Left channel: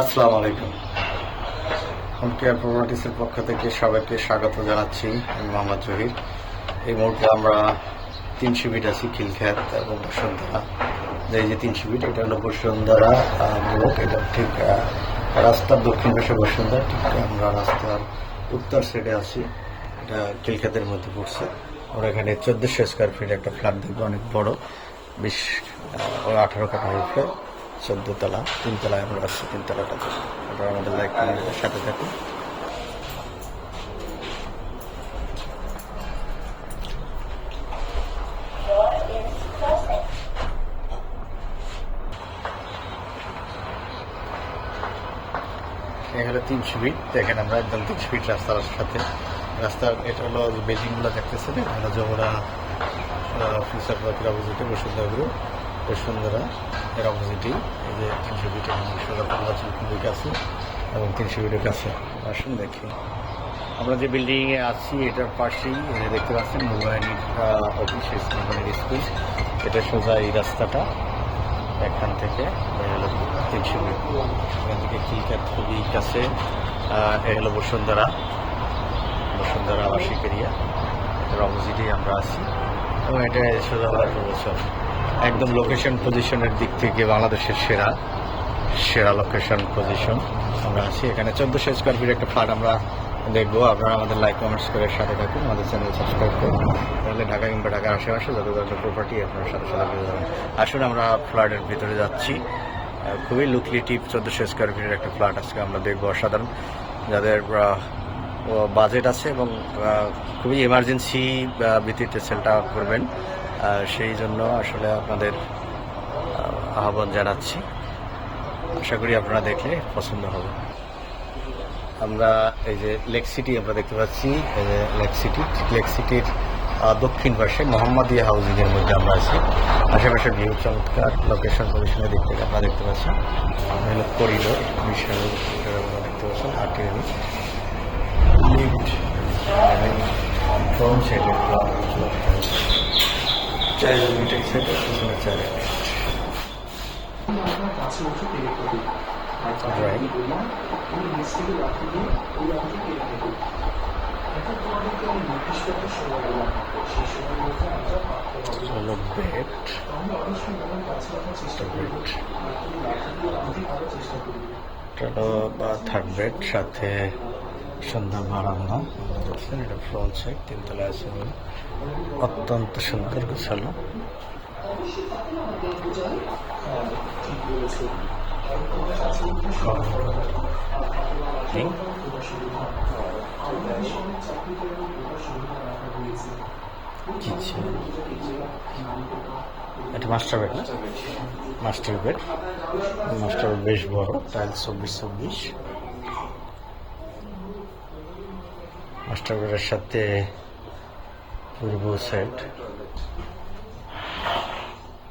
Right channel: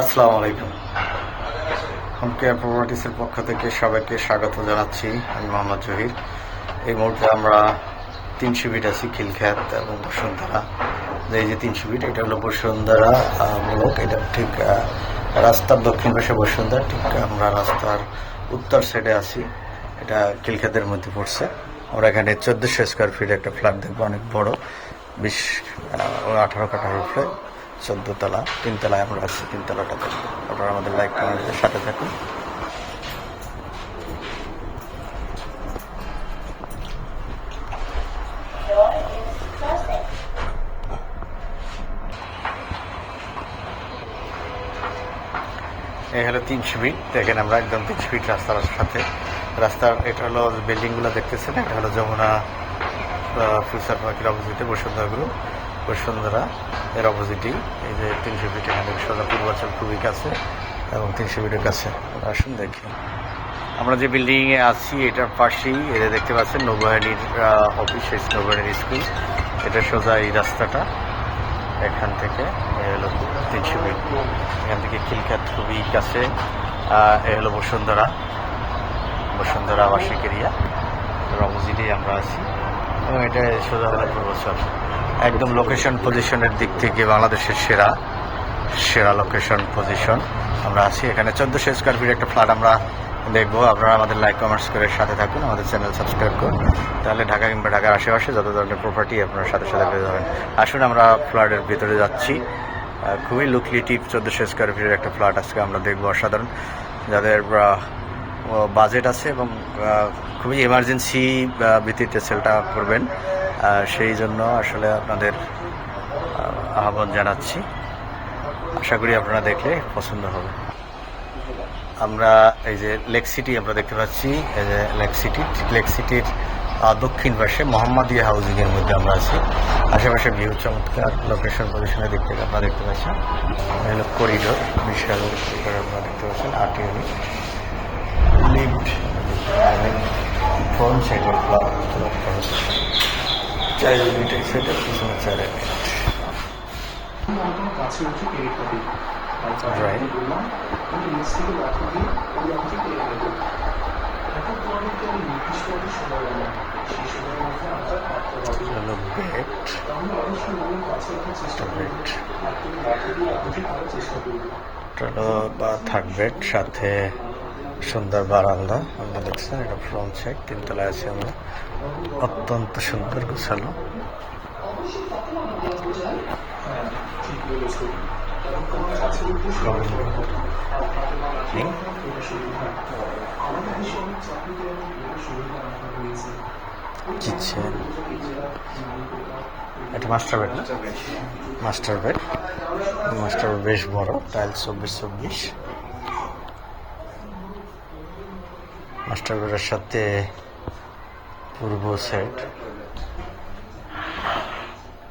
আসসালামু আলাইকুম। Home care প্রপার্টিসের পক্ষ থেকে সবাইকে স্বাগত জানাচ্ছি। আমি মোহাম্মদ জহির। এই মুহূর্তে আমরা 300 ফিট আছি খিলখ্যাত এবং বসুন্ধরা। এই যে 300 ফিট, এটা হলো বসুন্ধরা ব্লক। এটা ঠিক রাস্তার দক্ষিণ পাশে বসুন্ধরা, ঠিক আমরা রাস্তার উত্তর সাইডে আছি। এটা খিলখ্যাতের মধ্যে পড়ছে। আমরা এখানে 1400 স্কোয়ার ফিট একটা ফ্ল্যাট দেখবো, অনেক বড়, 18 কাঠার উপরে, 14 তলা, 3 তলায় আমরা আসছি। 3 তলাটা দেখবো। আপনারা আমাদের লাইক কমেন্টের সাথে থাকুন। এই হলো 300 ফিট। দেখেন আমরা একদম 300 ফিট রাস্তার সাথে। রাস্তার এটা হলো বিল্ডিংগুলো দেখতেছেন, এটা হলো যমুনা ফিউচার পার্কের অপোজিটে বসুন্ধরা গ্রুপ। বসুন্ধরা এর অপোজিটেই এই যে 300 ফিট, এখান থেকে সোজা পূর্বাচল খুবই কাছে এবং 300 ফিটের কাছে। আসুন দেখি আমরা যে বিল্ডিংয়ে আছি, এটার পাশেই এটা দেখতে পাচ্ছেন নৌবাহিনীর অফিস, নৌবাহিনীর স্কুল। এটা সোজা এই রাস্তাটা, এখান থেকে এ হলো 300 ফিট। এখান থেকে খিলখ্যাত খুবই কাছে। এ হলো বসুন্ধরা আবাসিক এরিয়া, এটার অপোজিটেই আমরা আছি এবং এটা সোজা হলো পূর্বাচল। একদম লোকেশন পজিশনের দিক থেকে বাংলাদেশের সেরা লোকেশন পজিশন আমরা আছি। এখানে 1400 স্কোয়ার ফিট একটা ফ্ল্যাট আমরা দেখবো। আপনারা আমাদের লাইক কমেন্টস করে সাথে থাকুন, আমাদের চ্যানেল সাবস্ক্রাইব করুন, তাহলে ঢাকা কিংবা ঢাকার আশেপাশে যত ধরনের প্রপার্টি আপনার সাথে পেয়ে যাবেন। আসুন আমরা ফ্ল্যাটের ভিতরে যাচ্ছি। খুবই লুক্রেটিভ 1400 স্কোয়ার ফিটের একটা ফ্ল্যাট আজকে আমরা দেখবো। অসাধারণ, যাদের বাজেট আছে এবং খুবই এমার্জেন্সি ভিত্তিতে সেলটা করবেন, সেই জন্য আসলে আপনাদের আহ্বান জানাচ্ছি। আশা করি আপনারা দেখলে পছন্দ হবে। আমরা এই যে লেক সিটি আমরা দেখতে পাচ্ছি, এই যে লেক সিটির দক্ষিণ পাশে মোহাম্মদিয়া হাউজিং এর মধ্যে আমরা আছি। আশেপাশে ভিউ চমৎকার, লোকেশন পজিশনের দিক থেকে আপনারা দেখতে পাচ্ছেন। হলো করিডোর, বিশাল করিডোর আপনারা দেখতে পাচ্ছেন। 8 ইউনিট লিফট, ফ্রন্ট সাইডে 4 ইউনিট, এই সাইডে পিছনে 4 ইউনিট। Right. চলো বেড, চলো বা থার্ড বেড, সাথে সুন্দর বারান্দা আমরা দেখছেন। এটা ফ্রন্ট সাইড, 3 তলায় আছে আমরা। অত্যন্ত সুন্দর গোছালো। কিচেন, এটা মাস্টার বেড না? মাস্টার বেড বেশ বড়, টাইলস 24-24। মাস্টার বেডের সাথে পূর্ব সাইড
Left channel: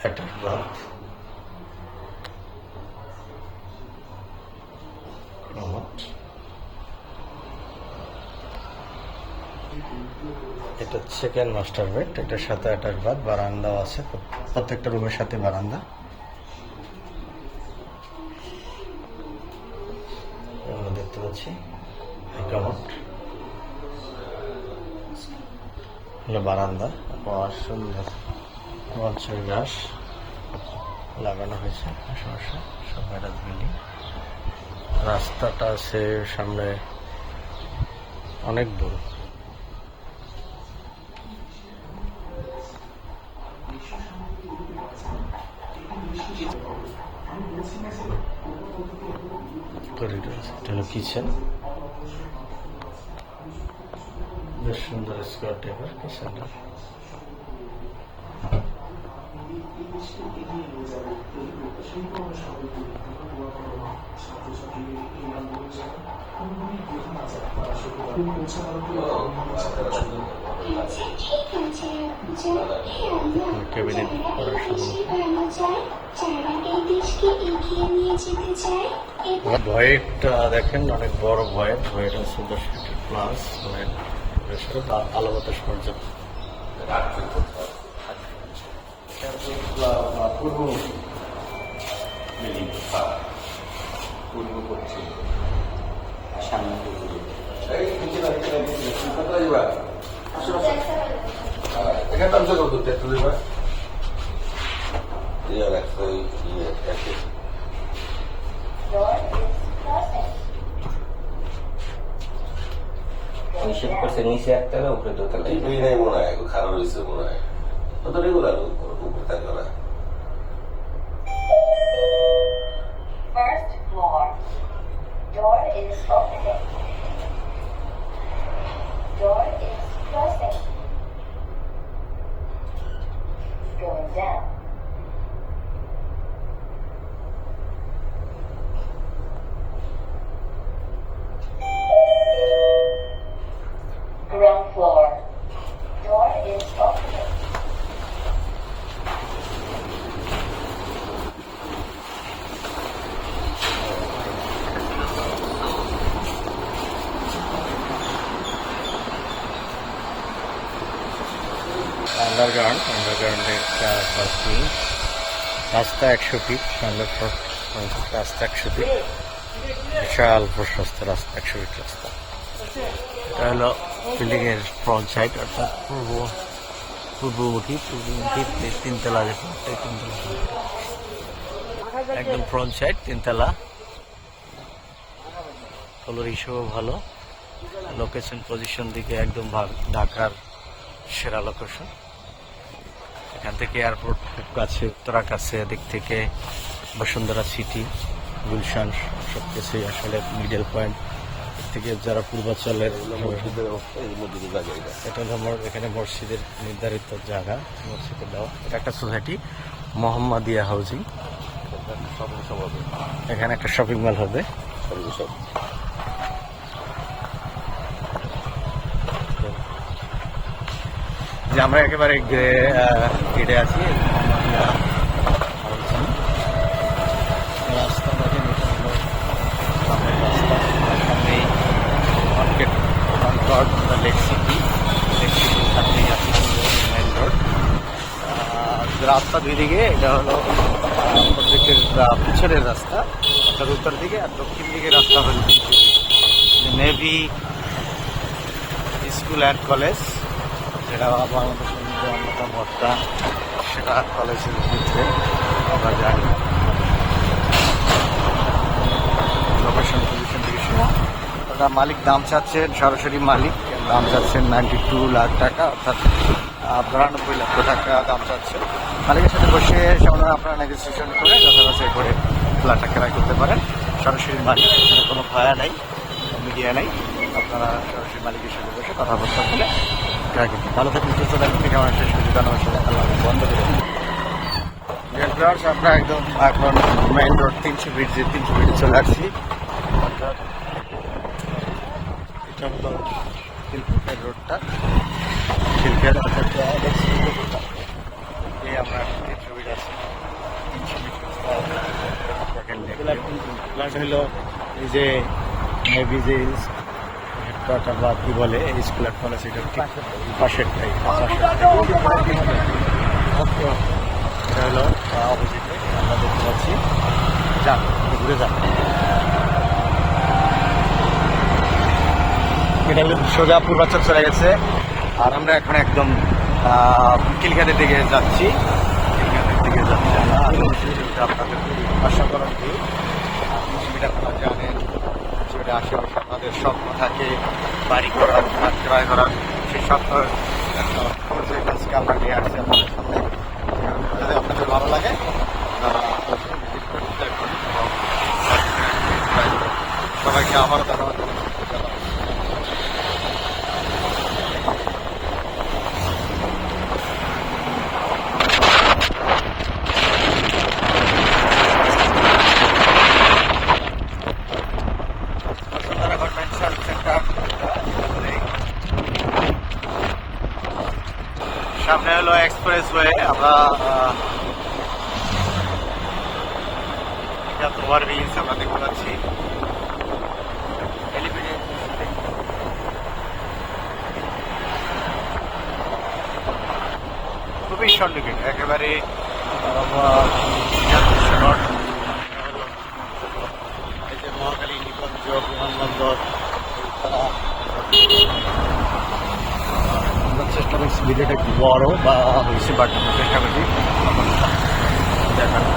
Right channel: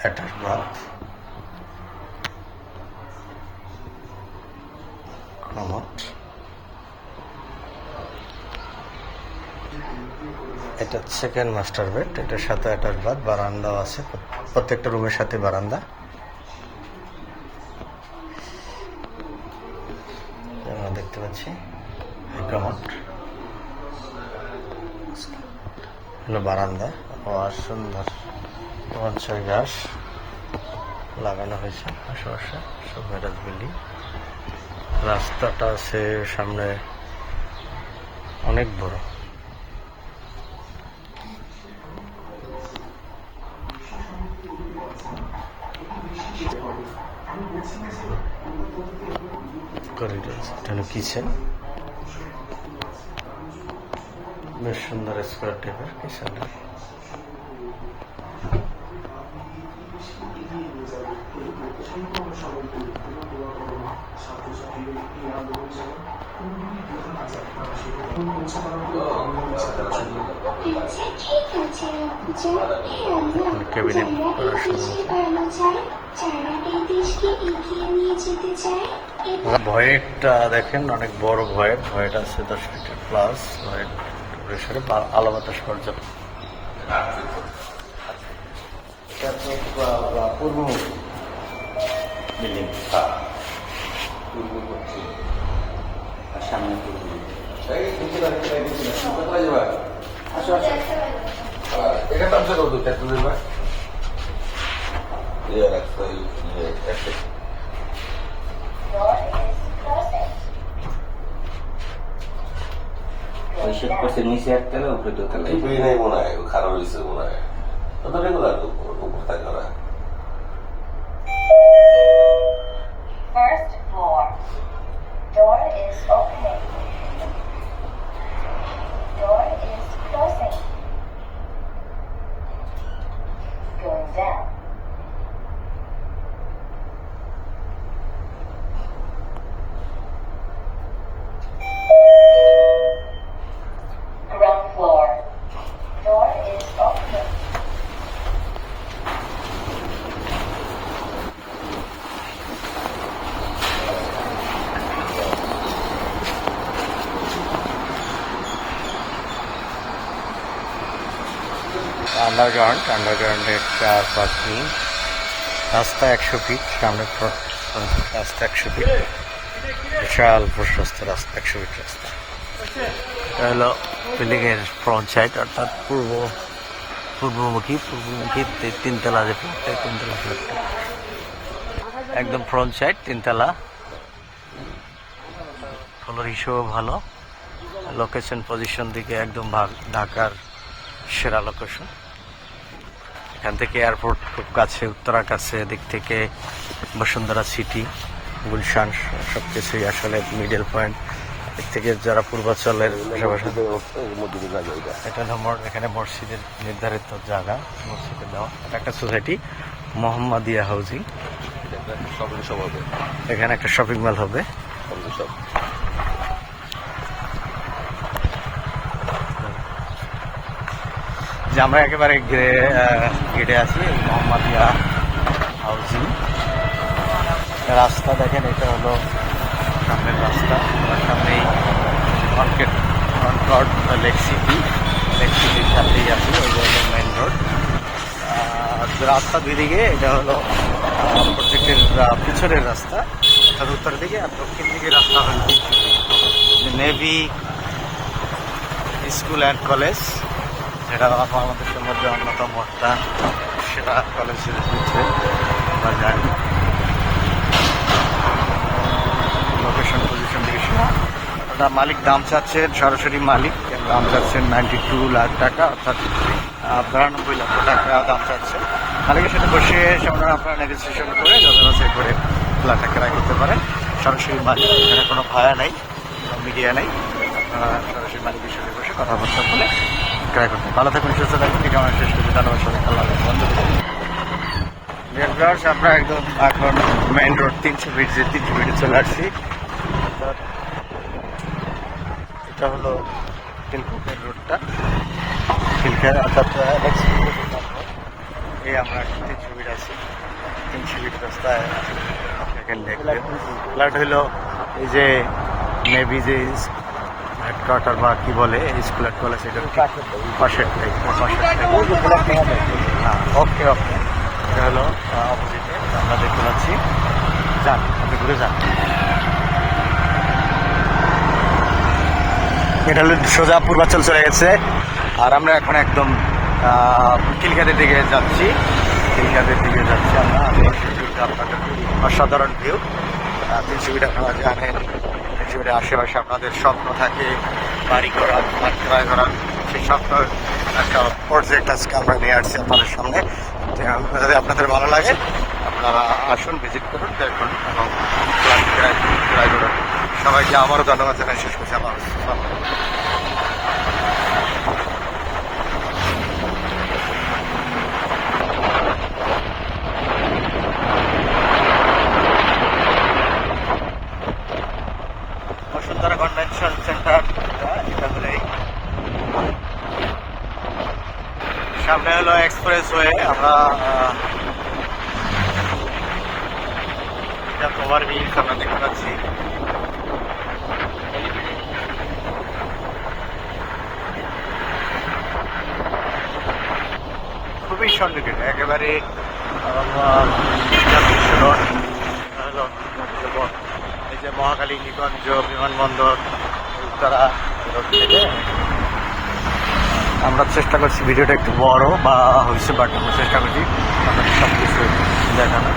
অ্যাটাচ বাথ, কমোড। এটা সেকেন্ড মাস্টার বেড, এটার সাথে অ্যাটাচ বাথ, বারান্দাও আছে। প্রত্যেকটা রুমের সাথে বারান্দা। আমরা দেখতে পাচ্ছি কমোড, হলো বারান্দা। সুন্দর মঞ্চের ঘাস লাগানো হয়েছে আশেপাশে, সব ভ্যারাস বিল্ডিং। রাস্তাটা আছে সামনে, অনেক বড়। করিডোর, এটা হলো কিচেন, বেশ সুন্দর স্কোয়ার টাইপের কিচেনটা। ক্যাবিনেট করার ভয়েটটা দেখেন, অনেক বড় ভয়েট আছে, 10 ফিটের প্লাস ভয়েট। আলো বাতাস পর্যাপ্ত। পূর্ব পশ্চিম আর সামনে পূর্ব নিচে একতলা উপরে দোতলা নাই মনে হয় খারাপ হয়েছে মনে হয় রেগুলার উপর থাকে না First floor. Door is opening. Door is closing. Going down. Ground floor. Door is opening. আন্ডারগ্রাউন্ডের কার পার্কিং রাস্তা 100 ফিট সামনে রাস্তা 100 ফিট বিশাল প্রশস্ত রাস্তা 100 ফিট রাস্তা। এটা হলো বিল্ডিং এর ফ্রন্ট সাইড অর্থাৎ পূর্বমুখী তিনতলা যে ফ্ল্যাটটা তিনতলা ফ্ল্যাটটা একদম ফ্রন্ট সাইড তিনতলা। ফ্লোর হিসেবেও ভালো, লোকেশন পজিশন দিকে একদম ঢাকার সেরা লোকেশন। এখান থেকে এয়ারপোর্ট খুব কাছে, উত্তরা কাছে, এদিক থেকে বসুন্ধরা সিটি, গুলশান সব কিছুই আসলে মিডল পয়েন্ট। এর থেকে যারা পূর্বাঞ্চলের এটা হলো এখানে মসজিদের নির্ধারিত জায়গা, মসজিদের দেওয়া। এটা একটা সোসাইটি মোহাম্মদিয়া হাউজিং, এখানে একটা শপিং মল হবে। যে আমরা একেবারে গেটে আছি মোহাম্মদিয়া হাউজিং। রাস্তা দেখেন, এটা হলো সামনের রাস্তা, সামনেই কনকর্ড বা লেক সিটির সাথেই আছি, ওই মেইন রোড। রাস্তা দুই দিকে, এটা হলো প্রজেক্টের পিছনের রাস্তা অর্থাৎ উত্তর দিকে, আর দক্ষিণ দিকে রাস্তা হলো নেভি স্কুল অ্যান্ড কলেজ, যেটা বাংলাদেশের মধ্যে অন্যতম একটা সেরা কলেজের ভিতরে আমরা জানি। লোকেশন পজিশন দিকে সেরা। মালিক দাম চাচ্ছেন, সরাসরি মালিক দাম চাচ্ছেন 92 লাখ টাকা, অর্থাৎ 92 লক্ষ টাকা দাম চাচ্ছে। মালিকের সাথে বসে সামনে আপনারা নেগোসিয়েশন করে যথাযথ করে ফ্ল্যাটটা ক্রয় করতে পারেন। সরাসরি মালিক, এখানে কোনো ভাড়া নাই, মিডিয়া নাই, আপনারা সরাসরি মালিকের সাথে বসে কথাবার্তা বলে ক্রয় করতে। ভালো থাকুন, সুস্থ থাকুন, ঠিক আমার শেষ করতে ধন্যবাদ সবাই। আল্লাহ বন্ধ আমরা একদম এখন মেইন রোড 300 ফিট চলে আসছি। এটা হলো খিলক্ষেতের রোডটা, খিলক্ষেত অর্থাৎ এই আমরা 300 ফিট আছি। 300 ফিট রাস্তায় ফ্ল্যাট হইলো এই যে নেভি যে হেডকোয়ার্টার বা কি বলে স্কুল অ্যান্ড কলেজ, এটা ঠিক পাশেরটাই। ওকে ওকে, এটা হলো অপোজিটে আমরা দেখতে পাচ্ছি। যান, ঘুরে যান। এটা হলো সোজা পূর্বাঞ্চল চলে গেছে, আর আমরা এখন একদম খিলক্ষেতের দিকে যাচ্ছি। আমরা আপনাদের অসাধারণ ভিউ। পৃথিবীটা আপনারা জানেন, পৃথিবীর আশেপাশে আপনাদের স্বপ্ন থাকে বাড়ি করার, ক্রয় করার। সেই স্বপ্ন একটা প্রজেক্ট আজকে আমরা নিয়ে আসছি আপনাদের সামনে। যদি আপনাদের ভালো লাগে আপনারা আসুন, ভিজিট করুন, দেখুন এবং ক্রয় করুন। সবাইকে আবারও ধন্যবাদ জানাই, শেষ করছি। আল্লাহ কনভেনশন সেন্টার, সামনে হলো এক্সপ্রেসওয়ে। আমরা ওভারব্রিজ আমরা দেখতে পাচ্ছি। খুবই সন্নিকট, একেবারে এই যে মহাখালী, নিগঞ্জ, বিমানবন্দর, উত্তরা। আমরা চেষ্টা করছি ভিডিওটা একটু বড় বা হয়েছে, বাট আমরা চেষ্টা করছি আপনাদের সব কিছু দেখানো।